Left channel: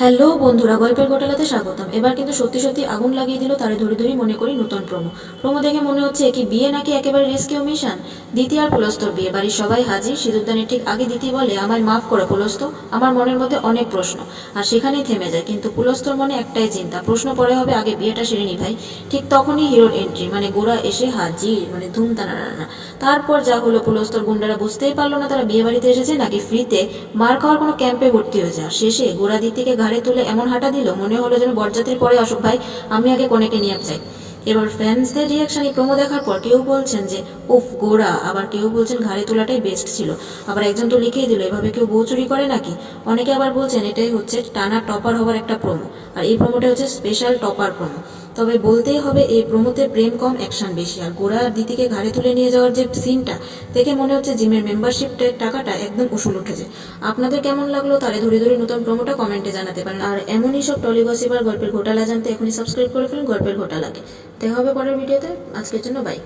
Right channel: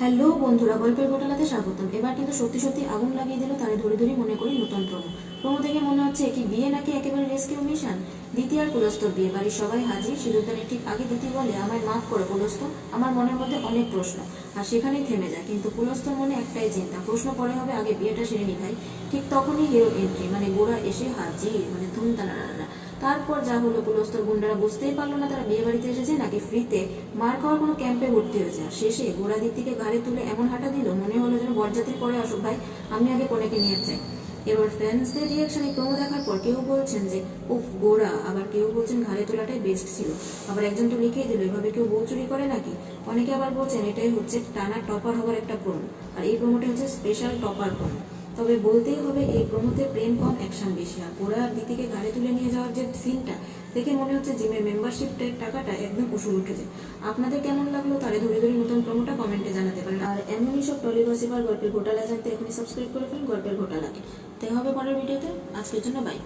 Hello বন্ধুরা, গল্পের ঘোটালাতে স্বাগতম। এবার কিন্তু সত্যি সত্যি আগুন লাগিয়ে দিল তারে ধরে ধরে মনে করি নতুন প্রোমো। প্রোমো দেখে মনে হচ্ছে কি বিয়ে নাকি একেবারে রেস্কিউ মিশন। দিতি আর পুলস্তর বিয়ে, বাড়ির সবাই হাজির। সিঁদুরদানের ঠিক আগে দিতি বলে, আমায় মাফ করে পুলস্ত, আমার মনের মধ্যে অনেক প্রশ্ন। আর সেখানেই থেমে যায়, কিন্তু পুলস্তর মনে একটাই চিন্তা, প্রশ্ন পরে হবে, আগে বিয়েটা সেরে নি ভাই। ঠিক তখনই হিরোর এন্ট্রি, মানে গোরা এসে হাজির, মানে ধুমতানা রান্না। তারপর যা হলো, পুলস্তর গুন্ডারা বুঝতেই পারলো না তারা বিয়ে বাড়িতে এসেছে নাকি ফ্রিতে মার খাওয়ার কোনো ক্যাম্পে ভর্তি হয়েছে। আর শেষে গোরা দিতিকে ঘাড়ে তুলে এমন হাঁটা দিল, মনে হলো যেন বরযাত্রী পরে আসুক ভাই, আমি আগে কনেকে নিয়ে যাই। এবার ফ্যান্সদের রিয়াকশন এই প্রোমো দেখার পর কেউ বলছেন যে উফ গোরা, আবার কেউ বলছেন ঘাড়ে তোলাটাই বেস্ট ছিল। আবার একজন তো লিখেই দিল, এভাবে কেউ বউ চুরি করে নাকি। অনেকে আবার বলছেন এটাই হচ্ছে টানা টপার হওয়ার একটা প্রোমো, আর এই প্রোমোটা হচ্ছে স্পেশাল টপার প্রোমো। তবে বলতেই হবে এই প্রোমোতে প্রেম কম, অ্যাকশন বেশি। আর গোরা আর দিদিকে ঘাড়ে তুলে নিয়ে যাওয়ার যে সিনটা দেখে মনে হচ্ছে জিমের মেম্বারশিপটার টাকাটা একদম উসুল উঠেছে। আপনাদের কেমন লাগলো তারে ধরে ধরে নতুন প্রোমোটা কমেন্টে জানাতে পারেন। আর এমনই সব টলি গসিপ আর গল্পের ঘোটালা জানতে এখনই সাবস্ক্রাইব করে ফেলুন গল্পের ঘোটালাকে। দেখা হবে পরের ভিডিওতে, আজকের জন্য বাই।